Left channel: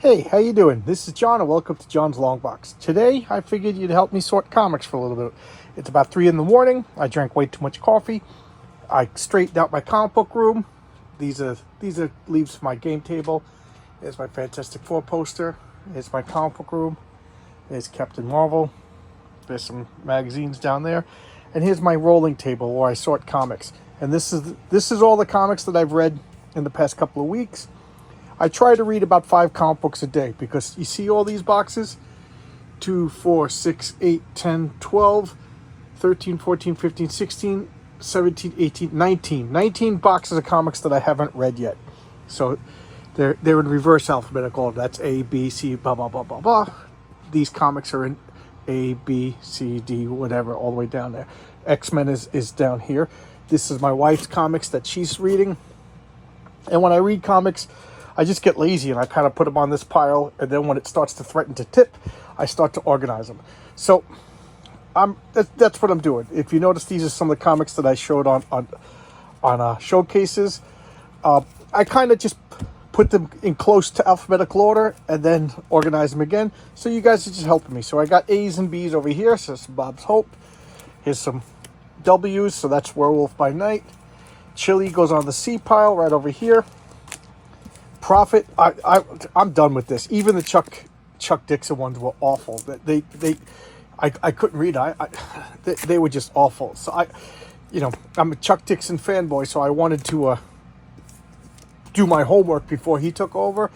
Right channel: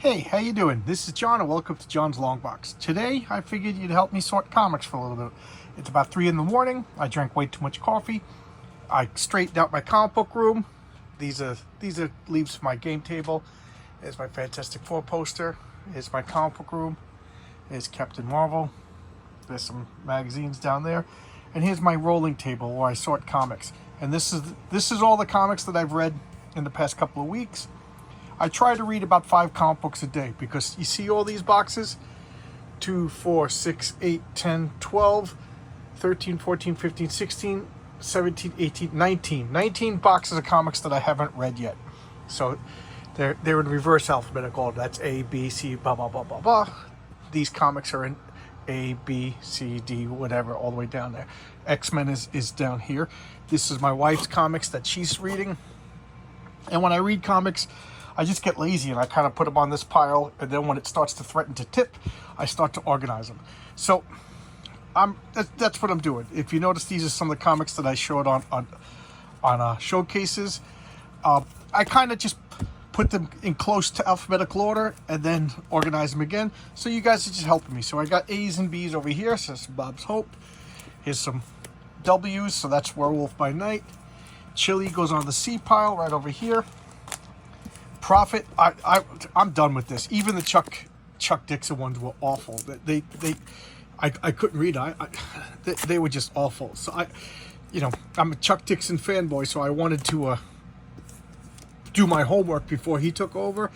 Hey, how you doing? This is John and welcome to John's Long Box. Today, I figured you'd help me sort comics for a little bit. It's about 3 in the morning. I drank way too much coffee. I straightened out my comic book room. These are leaves from my game table. There's my Fantastic Four poster. Here's my comic book room. There's Captain Marvel. There's some magazines down there. And here's my rolling table where I sort comics. And this is all the comics that I've read in the past couple of weeks. I try to read about 5 comic books a day because you see all these boxes? 2, 4, 6, 8, 10, 12, 13, 14, 15, 16, 17, 18, 19. 19 boxes of comics that I haven't read yet. So they're in reverse alphabetical order. That's A, B, C, blah, blah, blah, blah, blah. These comics are in A, B, C, D, whatever, all the way down there. X-Men is down here. This is my wife's comics that she's reading. And when I read comics, I just get lazy and I kind of put them on this pile, and then when it starts to threaten to tip, I start to organize them. So that's what I'm doing. If you notice, these are some of the comics that I showed on showcases. I kind of just put them in close to alphabetical order and then organize them again. So you guys are just helping me. So I got A's and B's over here. So some Bob's Hope. Here's some W's. So that's Werewolf by Night. Chili goes on the C pile right over here. Profit, I'm done with this. Even the Chuck Dixon ones were awful. I couldn't read. They were just awful. So I'm a Chuck Dixon fanboy, so I wanted to do my homework before he took over.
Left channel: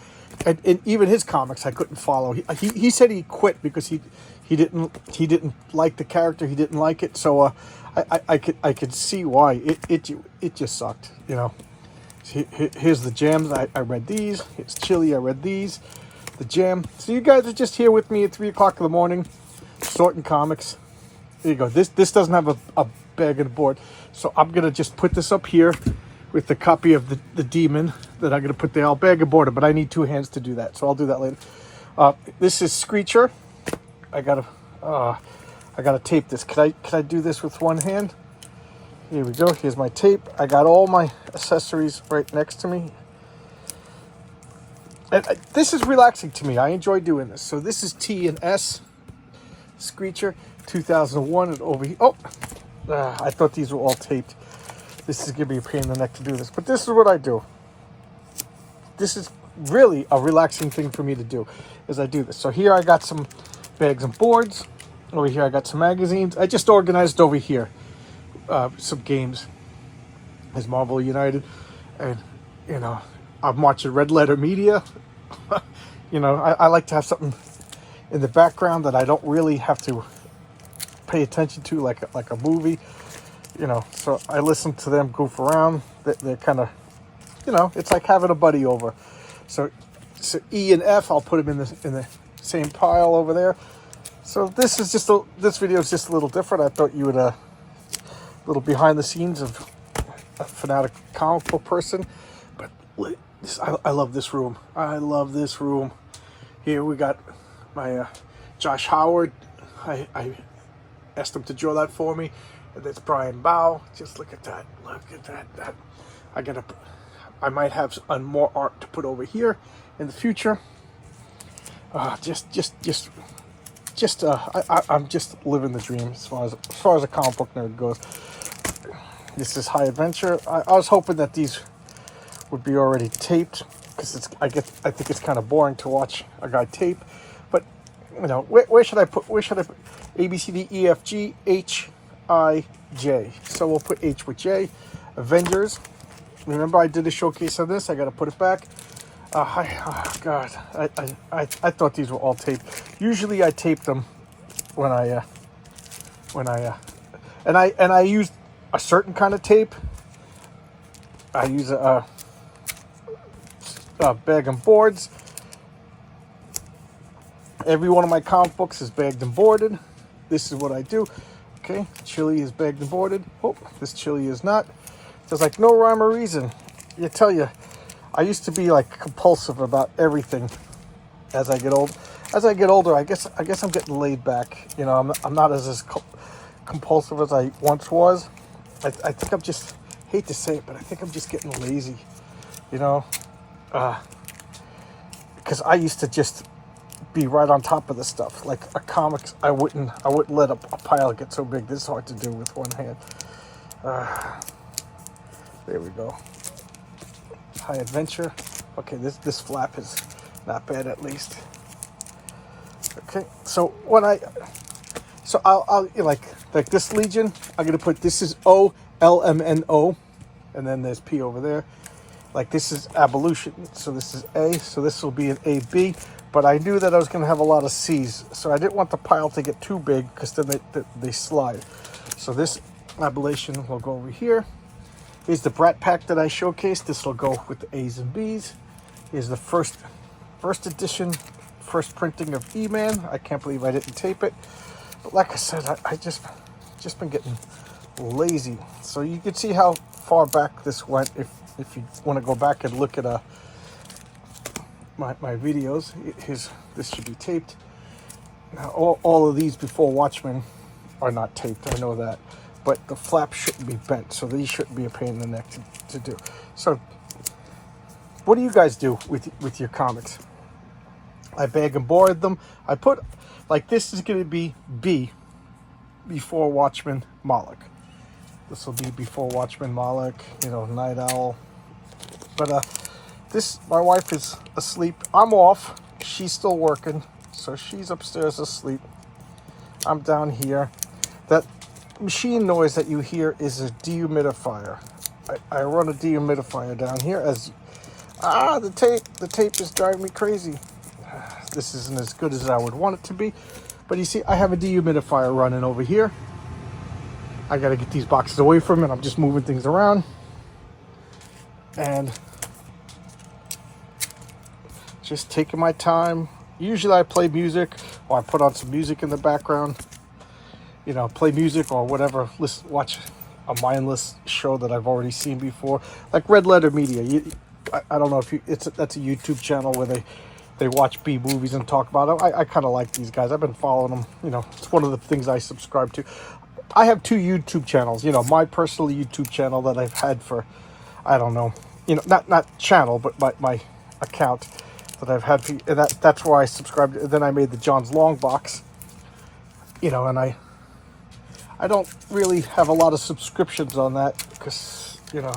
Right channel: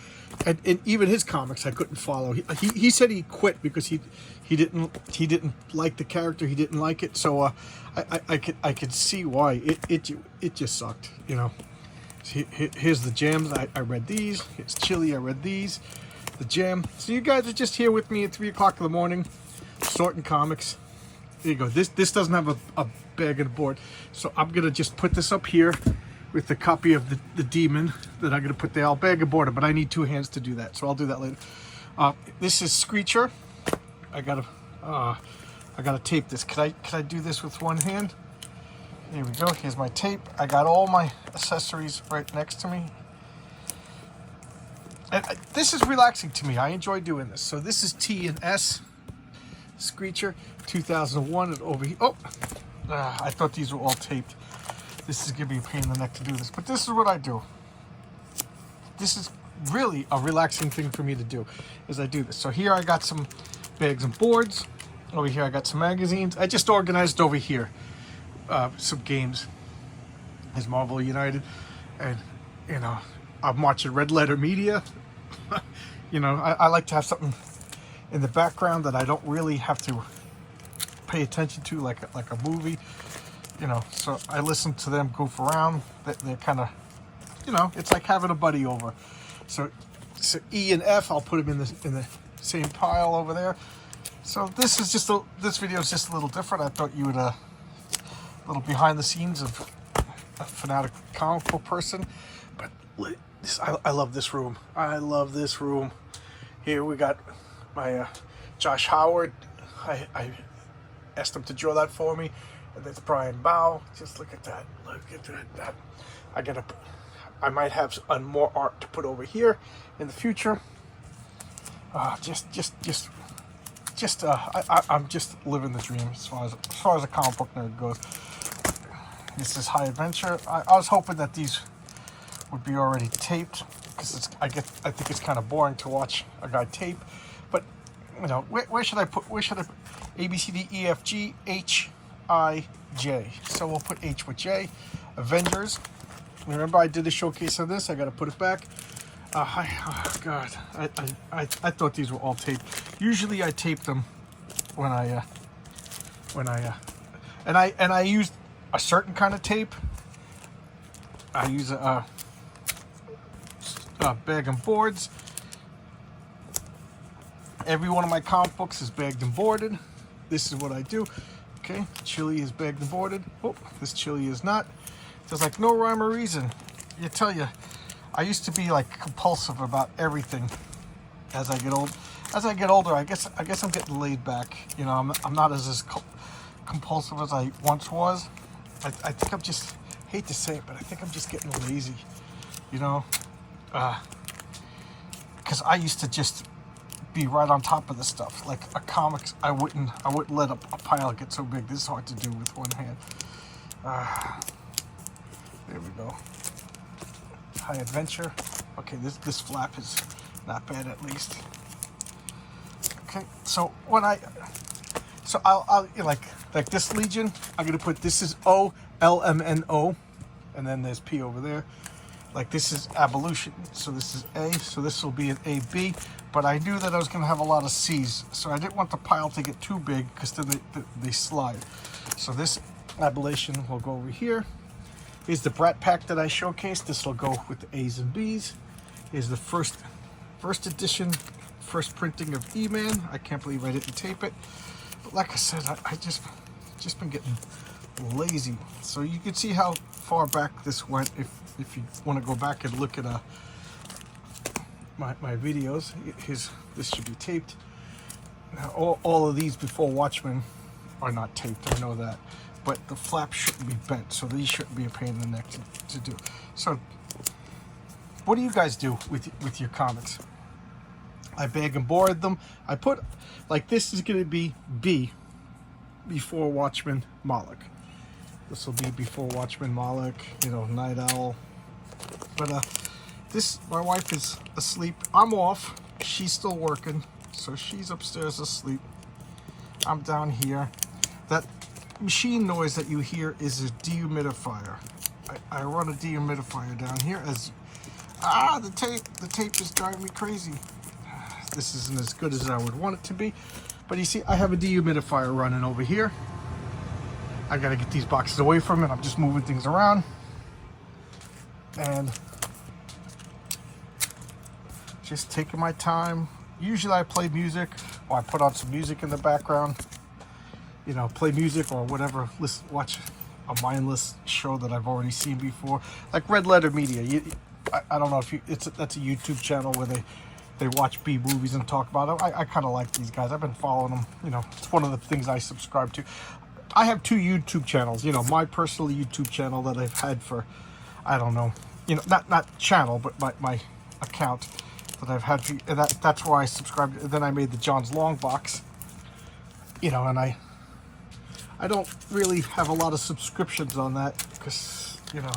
And even his comics I couldn't follow. He said he quit because he didn't like the character. He didn't like it. So I could see why it just sucked. Here's the Jams. I read these. It's Chili. I read these. The Jam. So you guys are just here with me at 3 o'clock in the morning, sorting comics. There you go. This doesn't have a bag and a board, so I'm gonna just put this up here with the copy of the Demon that I'm gonna put the bag and board. But I need 2 hands to do that, so I'll do that later. This is Screecher. I gotta tape this. Can I do this with one hand? Here we go. Here's my tape. I got all my accessories right next to me. And this is relaxing to me. I enjoy doing this. So this is T and S Screecher 2001. And over here. Oh, I thought these were all taped. This is going to be a pain in the neck to do this. But this is what I do. This is really a relaxing thing for me to do as I do this. So here I got some bags and boards. Over here I got some magazines. I just organized over here. Some games is Marvel United, and I'm watching Red Letter Media. I like to have something in the background that I don't really have to pay attention to, like a movie. So I listen to them goof around. They're kind of, it's like having a buddy over. So E and F, I'll put them in the same pile over there. So this video is just a little different. I thought you would little behind the scenes of a fanatic comic book person, but I love this room. I love this room. Here we got my Josh Howard. I asked him to draw that for me, and that's Brian Bow. Just look at that. Look at that. I might have some more art to put over here in the future. I'm just living the dream as far as a comic book nerd goes. This is High Adventure. I was hoping that these would be already taped because I think it's kind of boring to watch a guy tape. But where should I put A, B, C, D, E, F, G, H, I, J. So we'll put H with J. Avengers. Remember I did a showcase on this. I got to put it back. Oh God, I thought these were all taped. Usually I tape them when I used a certain kind of tape. I use a bag and boards. Every one of my comic books is bagged and boarded. This is what I do. Okay, Chili is bagged and boarded. Oh, this Chili is not. There's like no rhyme or reason. I tell you, I used to be like compulsive about everything. As I get older, I guess I'm getting laid back. I'm not as compulsive as I once was. I think I'm just, hate to say it, but I think I'm just getting lazy. because I used to just be right on top of the stuff. Like a comics, I wouldn't let a pile get so big. This is hard to do with one hand. There we go. High Adventure. Okay, this flap is not bad at least. Okay, so I'll like this Legion. I'm gonna put this is OLMNO, and then there's P over there. Like this is Abolition, so this is A, so this will be an AB. But I knew that I was gonna have a lot of C's, so I didn't want the pile to get too big because then they slide. So this Abolition will go over here. Here's the Brat Pack that I showcased. This will go with the A's and B's. Here's the first edition, first printing of E-Man. I can't believe I didn't tape it. But like I said, I just been getting lazy. So you can see how far back this went if you want to go back and look at my videos. This should be taped. Now, all of these before Watchmen are not taped, I know that. But the flap shouldn't be bent, so these shouldn't be a pain in the neck to do. So what do you guys do with your comics? I bag and board them. I put, like this is going to be B before Watchmen Moloch. This will be before Watchmen Moloch, you know, Night Owl. But this, my wife is asleep. I'm off. She's still working, so she's upstairs asleep. I'm down here. That machine noise that you hear is a dehumidifier. I run a dehumidifier down here as the tape is driving me crazy. This isn't as good as I would want it to be, but you see I have a dehumidifier running over here. I gotta get these boxes away from it. I'm just moving things around and just taking my time. Usually I play music or I put on some music in the background, you know, play music or whatever, watch a mindless show that I've already seen before, like Red Letter Media. I don't know if that's a YouTube channel where they watch B movies and talk about them. I kind of like these guys. I've been following them. You know, it's one of the things I subscribe to. I have 2 YouTube channels. You know, my personal YouTube channel that I've had for, I don't know, you know, not channel, but my account that I've had. And that's where I subscribed. And then I made the John's Long Box. You know, and I don't really have a lot of subscriptions on that because, you know,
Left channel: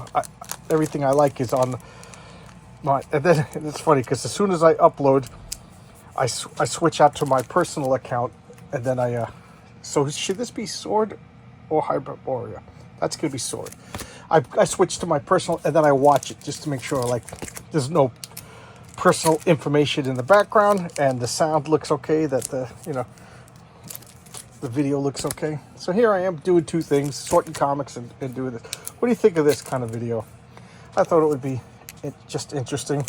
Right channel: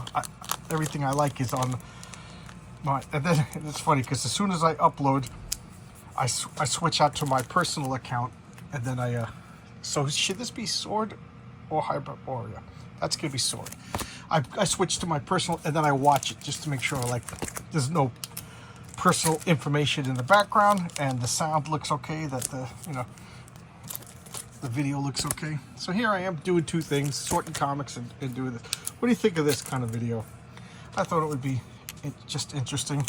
everything I like is on my, and then it's funny because as soon as I upload, I switch out to my personal account, and then so should this be Sword or Hyperborea? That's gonna be Sword. I switch to my personal, and then I watch it just to make sure like there's no personal information in the background and the sound looks okay, that the video looks okay. So here I am doing 2 things, sorting comics and doing this. What do you think of this kind of video? I thought it would be just interesting.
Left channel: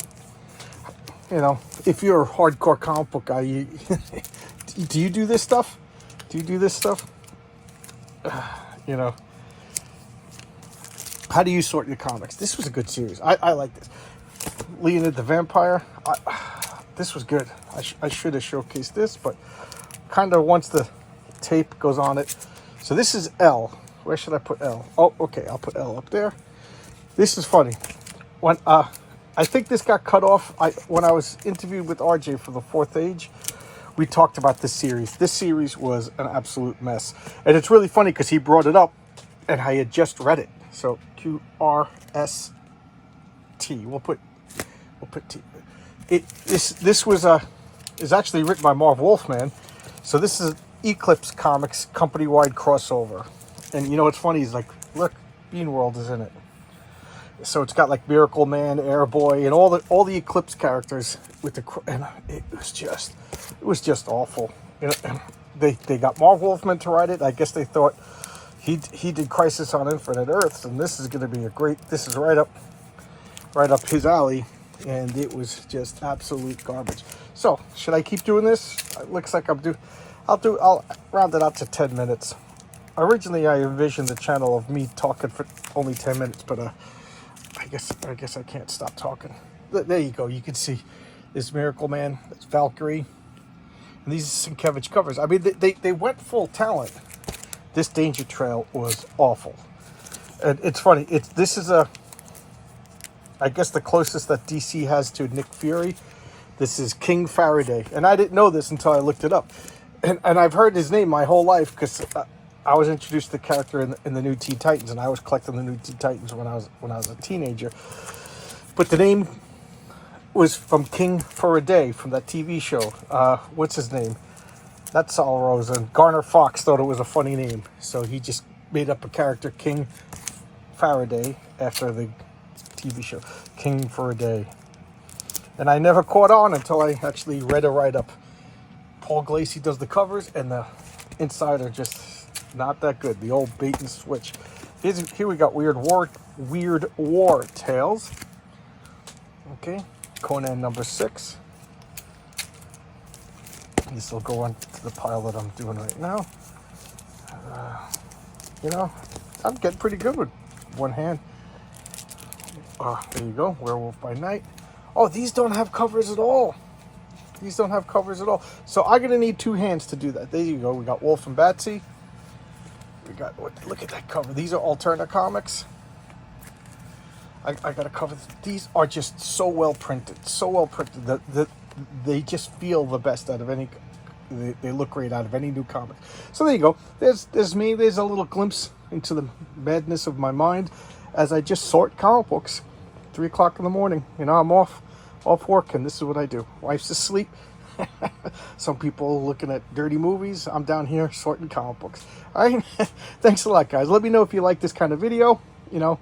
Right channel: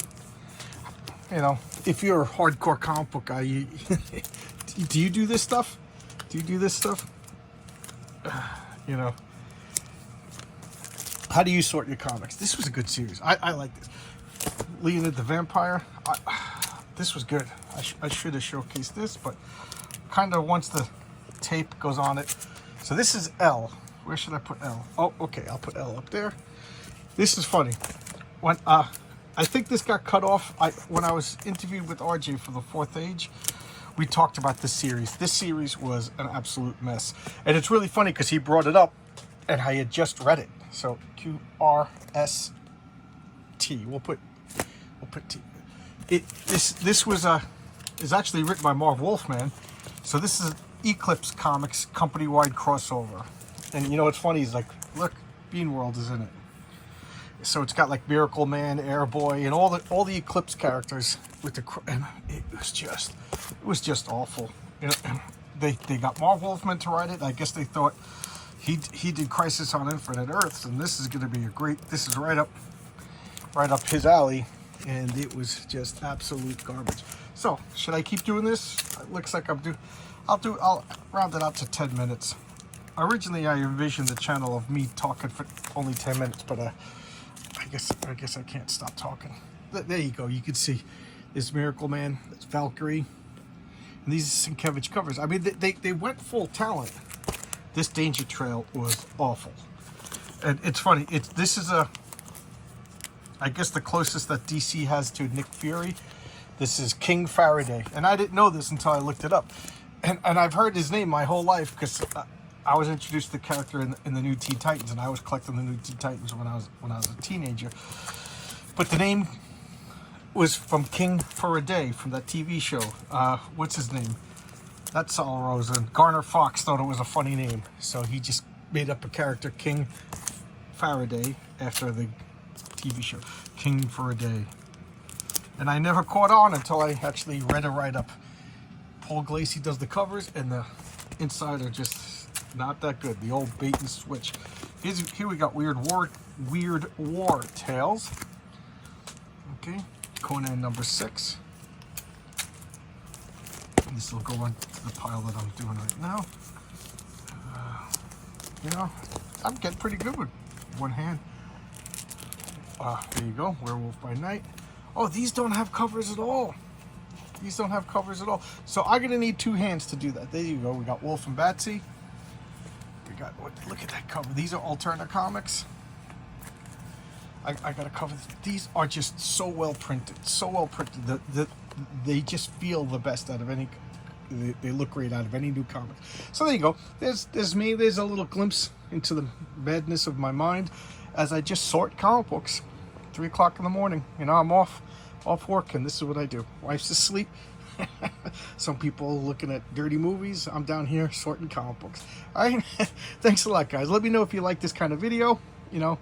You know, if you're a hardcore comic book guy, do you do this stuff? Do you do this stuff? You know, how do you sort your comics? This was a good series. I like this. Leonid the Vampire. This was good. I should have showcased this, but kind of once the tape goes on it. So this is L. Where should I put L? Oh, okay, I'll put L up there. This is funny. When I think this got cut off. When I was interviewed with RJ for the 4th Age, we talked about this series. This series was an absolute mess, and it's really funny because he brought it up, and I had just read it. So QRST. We'll put T. This was is actually written by Marv Wolfman. So this is Eclipse Comics company-wide crossover, and you know what's funny is like, look, Bean World is in it. So it's got like Miracle Man, Airboy, and all the Eclipse characters with and it was just awful. You know, they got Marv Wolfman to write it. I guess they thought he did Crisis on Infinite Earths, and this is going to be a great. This is right up his alley, and it was just absolute garbage. So should I keep doing this? It looks like I'll round it out to 10 minutes. Originally, I envisioned the channel of me talking for only 10 minutes, but I guess I can't stop talking. There you go. You can see this Miracle Man, that's Valkyrie, and these are Sienkiewicz covers. I mean, they went full talent. This Danger Trail was awful, and it's funny. This is I guess the closest that DC has to Nick Fury, This is King Faraday, and I didn't know this until I looked it up. And I've heard his name my whole life because I was introduced to the character in the new Teen Titans, and I was collecting the new Teen Titans when I was a teenager. But the name was from King for a Day from that TV show. What's his name? Not Sal Rose. And Garner Fox thought it was a funny name, so he just made up a character, King Faraday, after the TV show, King for a Day. And I never caught on until I actually read a write-up. Paul Glacy does the covers, and the inside are just not that good. The old bait and switch. Here we got Weird War Tales. Okay, Conan number 6. This will go onto the pile that I'm doing right now. You know, I'm getting pretty good with one hand. Oh, there you go, Werewolf by Night. Oh, these don't have covers at all. These don't have covers at all. So I'm gonna need 2 hands to do that. There you go. We got Wolf and Batsy. We got, look at that cover. These are Alterna Comics. I got a cover. These are just so well printed. So well printed. They just feel the best out of any. They look great out of any new comic. So there you go. There's me. There's a little glimpse into the madness of my mind as I just sort comic books. 3 o'clock in the morning. You know, I'm off work, and this is what I do. Wife's asleep. Some people looking at dirty movies. I'm down here sorting comic books. All right. Thanks a lot, guys. Let me know if you like this kind of video. You know,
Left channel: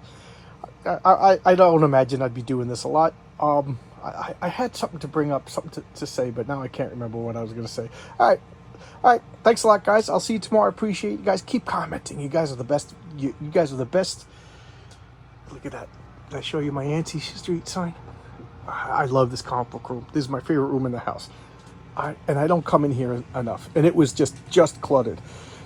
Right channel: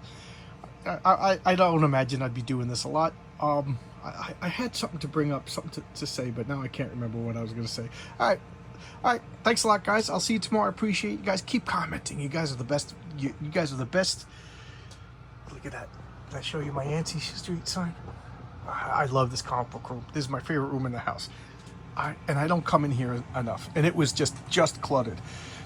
I don't imagine I'd be doing this a lot. I had something to bring up, something to say, but now I can't remember what I was going to say. All right. Thanks a lot, guys. I'll see you tomorrow. I appreciate you guys. Keep commenting. You guys are the best. You guys are the best. Look at that. Did I show you my Yancey Street sign? I love this comic book room. This is my favorite room in the house. And I don't come in here enough. And it was just cluttered,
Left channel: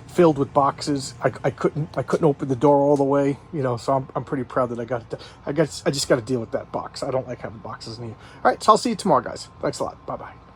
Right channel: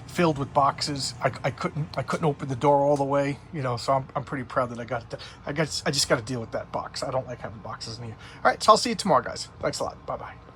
filled with boxes. I couldn't open the door all the way, you know. So I'm pretty proud that I just got to deal with that box. I don't like having boxes in here. All right, so I'll see you tomorrow, guys. Thanks a lot. Bye bye.